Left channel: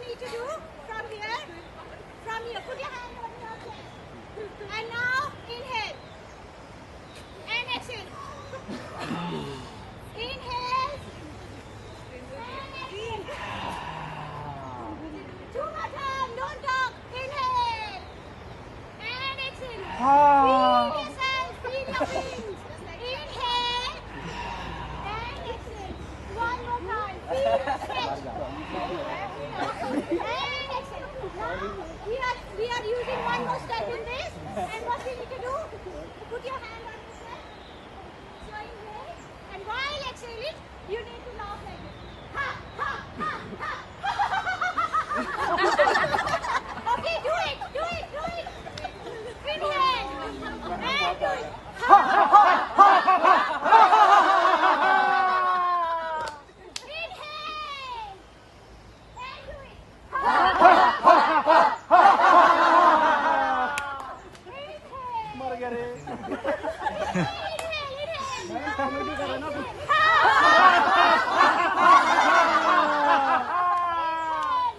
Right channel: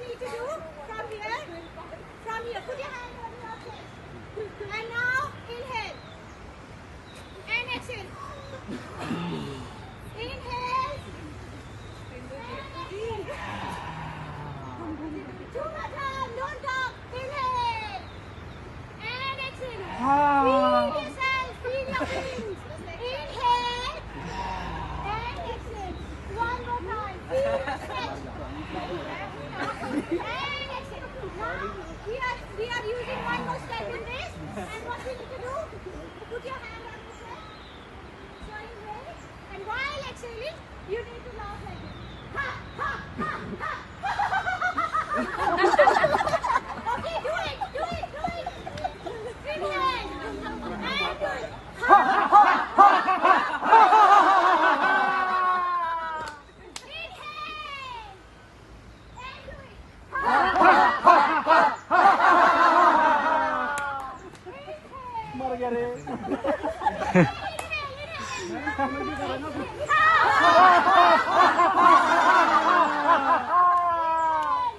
you need to do from here, put your hand on your chest. And now inhale. And exhale. Inhale. And exhale. Two more times, don't talk. Inhale. And exhale. Feel yourself, feel your wings. Inhale. And exhale. One more time. Feel the stretch. And exhale. Now, we are using one more step in this. And what we need to do, put your hand on your chest. Showing legs. And while exhaling, you need to laugh like this. Ha, ha, ha, ha. Okay, do it. Inhale. And do it. Ha, ha, ha, ha. Inhale. And do it. Ha, ha, ha, ha. Inhale.